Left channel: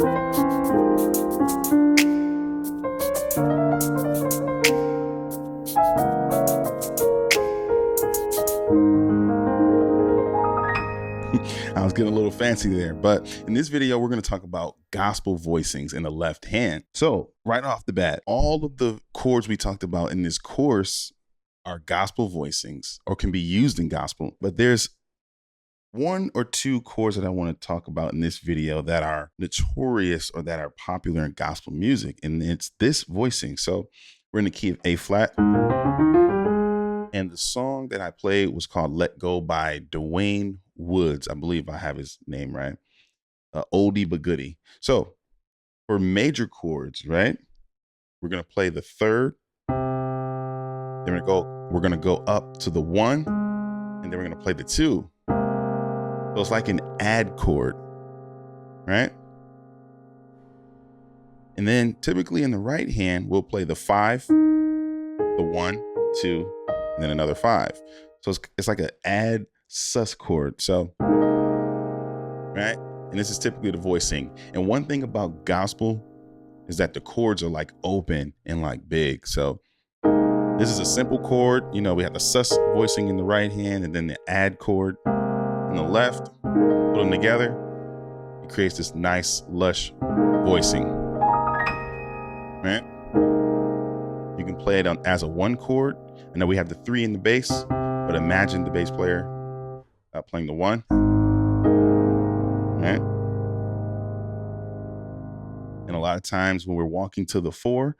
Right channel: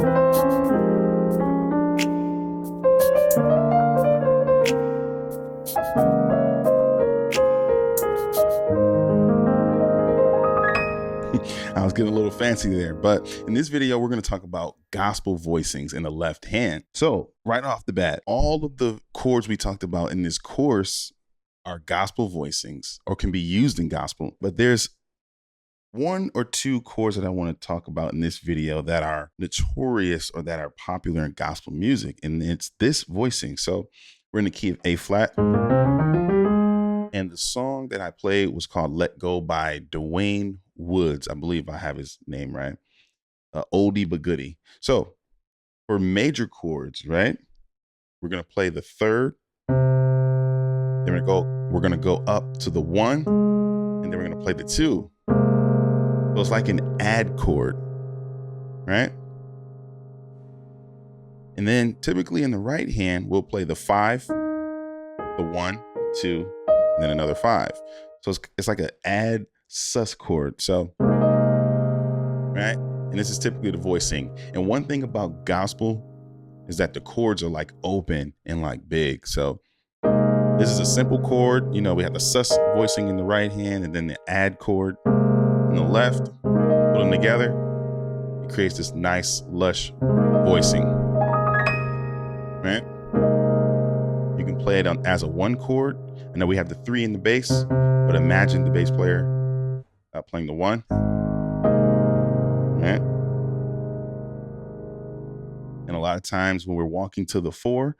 I was getting a little fancy there, but in this video, we're going to talk about gospel voicings in the left hand. So right off the bat, all of the chords we talked about in this course are gospel voicings or can be used in gospel, but there's one or two chords that I want to talk about in this video that are notorious or that are popular in gospel music, and it's this voicing. So we're in the key of A flat. And the song that I played was called Let Go by Deyquan Woods. I believe I have his name right. Oldie but goodie. So for major chords, right, we're going to play the third. Then we're going to go up to the one, and then we're going to play the two. So it's like an add chord, right? And then typically in the right hand, we'll play the 5, the 1, 2, and then another 5. So it's like an add sus chord. So, right? And this is typically the voicing. And one thing about gospel is that the chords are like open and like big. So this is a simple chord. You know, we have the sus voicing in the right hand and then the add chord on the left. Put them together, it creates this nice, lush voicing, right? You can play it as a 1 chord. I know we have the 3 in the bass, but imagine the bass player playing the 1, right? And a lot of times when we're walking to the 4,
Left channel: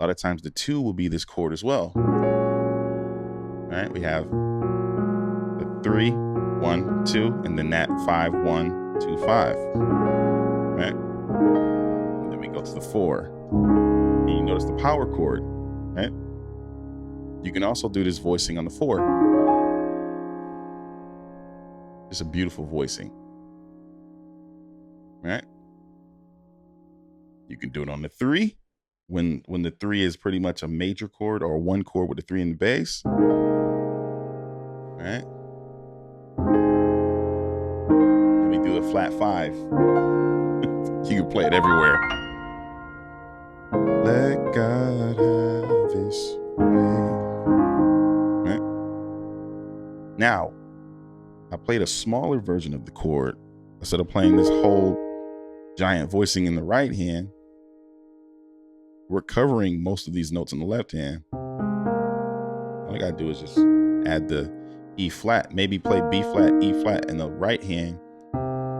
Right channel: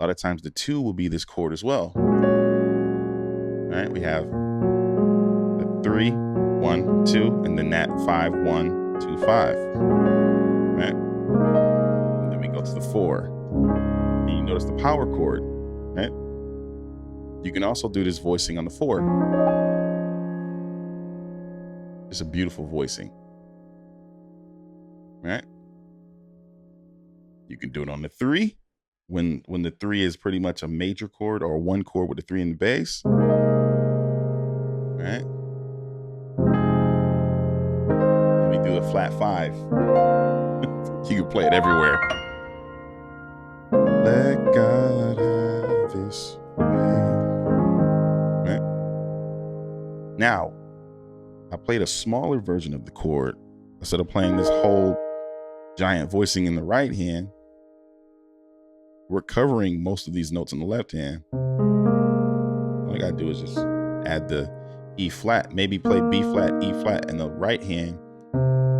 a lot of times the 2 will be this chord as well, right? We have the 3, 1, 2, and then that 5, 1, 2, 5, right? And then we go to the 4, and you notice the power chord, right? You can also do this voicing on the 4. It's a beautiful voicing, right? You can do it on the 3 when the 3 is pretty much a major chord or a 1 chord with a 3 in the bass, right? And we do a flat 5. You can play it everywhere. Let God have his way. Right? Now, I played a smaller version of the chord. Instead of playing this whole giant voicing in the right hand, we're covering most of these notes in the left hand. All I gotta do is just add the E flat, maybe play B flat, E flat in the right hand,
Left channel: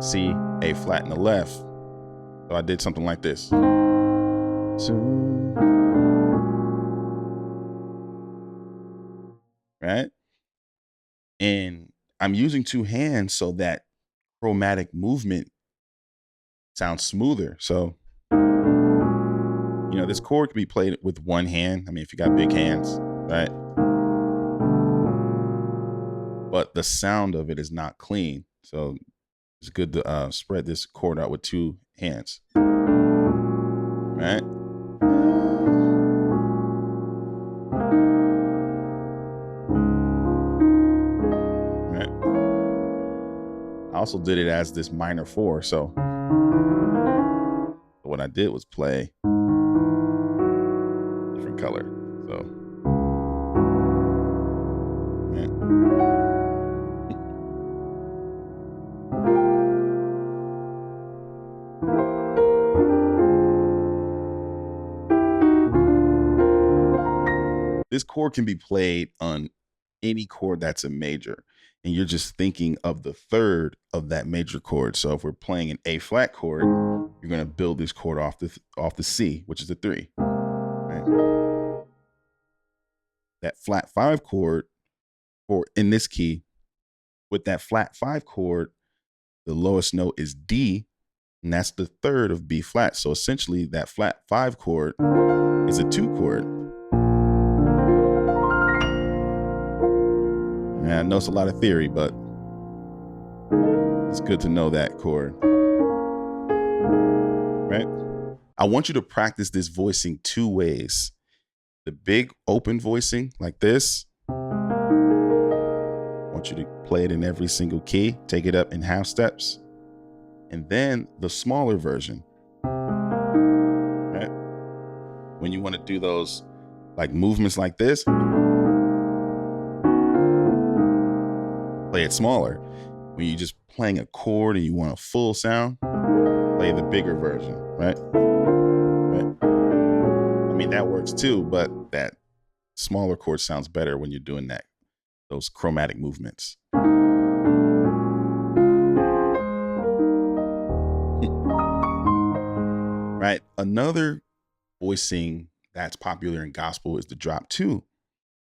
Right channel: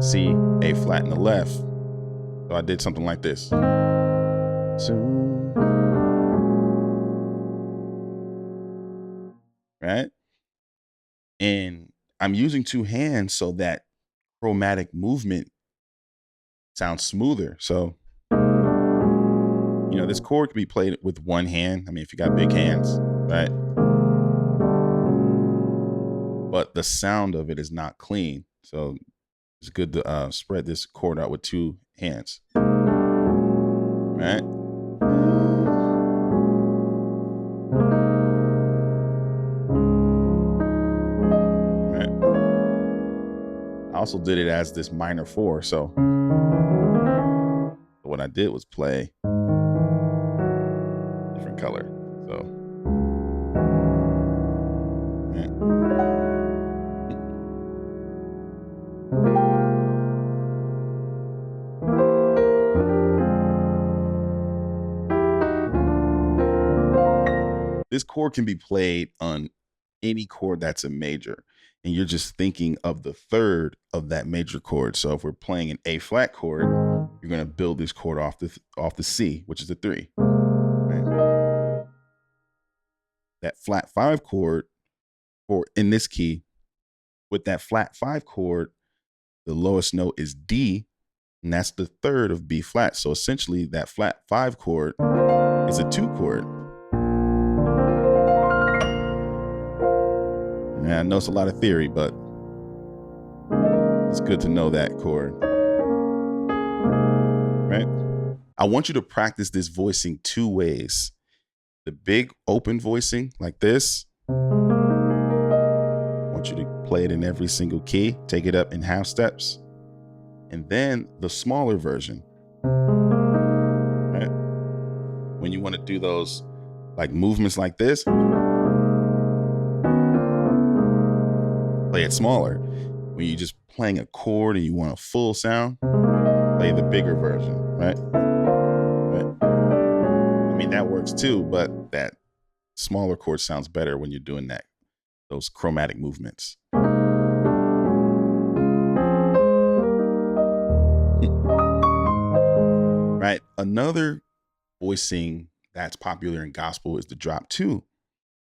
C, A flat in the left. So I did something like this. Right? And I'm using 2 hands so that chromatic movement sounds smoother. So, you know, this chord can be played with 1 hand. I mean, if you got big hands, right? But the sound of it is not clean. So it's good to spread this chord out with 2 hands, right? I also did it as this minor 4. So what I did was play different color. So, yeah. This chord can be played on any chord that's a major, and you're just thinking of the third of that major chord. So if we're playing an A flat chord, you're going to build this chord off the C, which is the 3. Right? That flat 5 chord, or in this key, with that flat 5 chord, the lowest note is D, and that's the third of B flat. So essentially, that flat 5 chord is a 2 chord. And I know it's a lot of theory, but it's good to know that chord, right? I want you to practice this voicing 2 ways. The big open voicing like this. I want you to play it in every single key, take it up in half steps. And then the smaller version, when you want to do those like movements like this, play it smaller. When you're just playing a chord and you want a full sound, play the bigger version, right? I mean, that works too, but that smaller chord sounds better when you're doing that, those chromatic movements. Right. Another voicing that's popular in gospel is the drop two.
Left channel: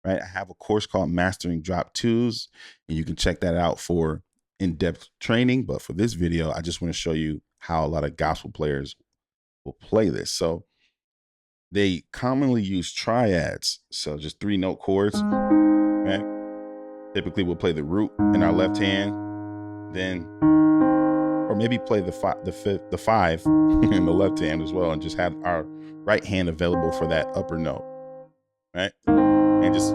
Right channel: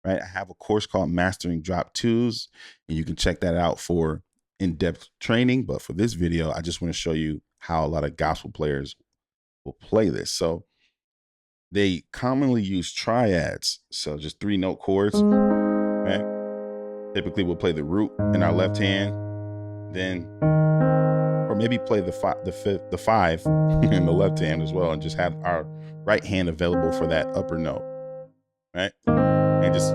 Right. I have a course called Mastering Drop Twos, and you can check that out for in-depth training. But for this video, I just want to show you how a lot of gospel players will play this. So they commonly use triads. So just 3-note chords. Right. Typically we'll play the root in our left hand, then or maybe play the five in the left hand as well, and just have our right hand available for that upper note, right? And just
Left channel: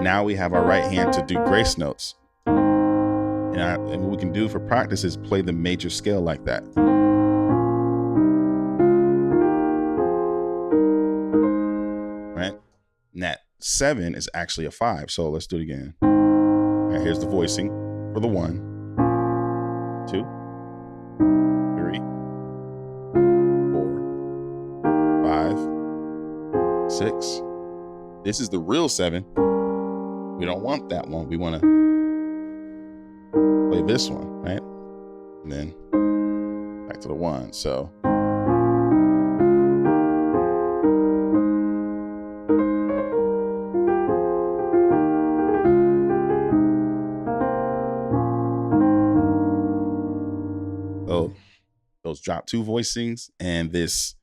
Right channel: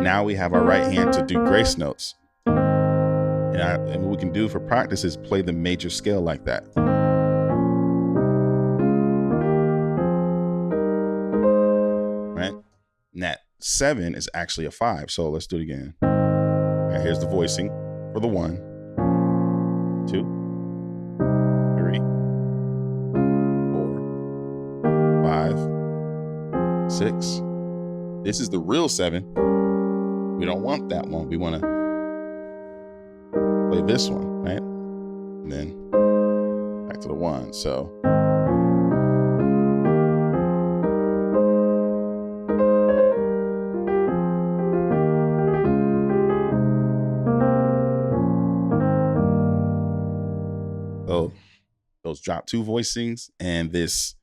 now we have our right hand to do grace notes. And what we can do for practice is play the major scale like that. Right? And that 7 is actually a 5. So let's do it again. All right, here's the voicing for the 1, 2, 3, 4, 5, 6. This is the real 7. We don't want that one. We want to play this one, right? And then back to the 1. So those drop two voicings and this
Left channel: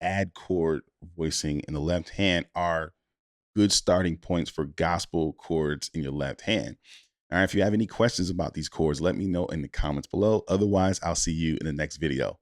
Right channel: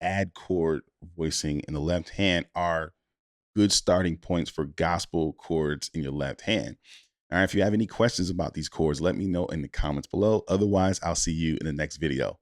add chord voicing in the left hand are good starting points for gospel chords in your left hand. All right, if you have any questions about these chords, let me know in the comments below. Otherwise, I'll see you in the next video.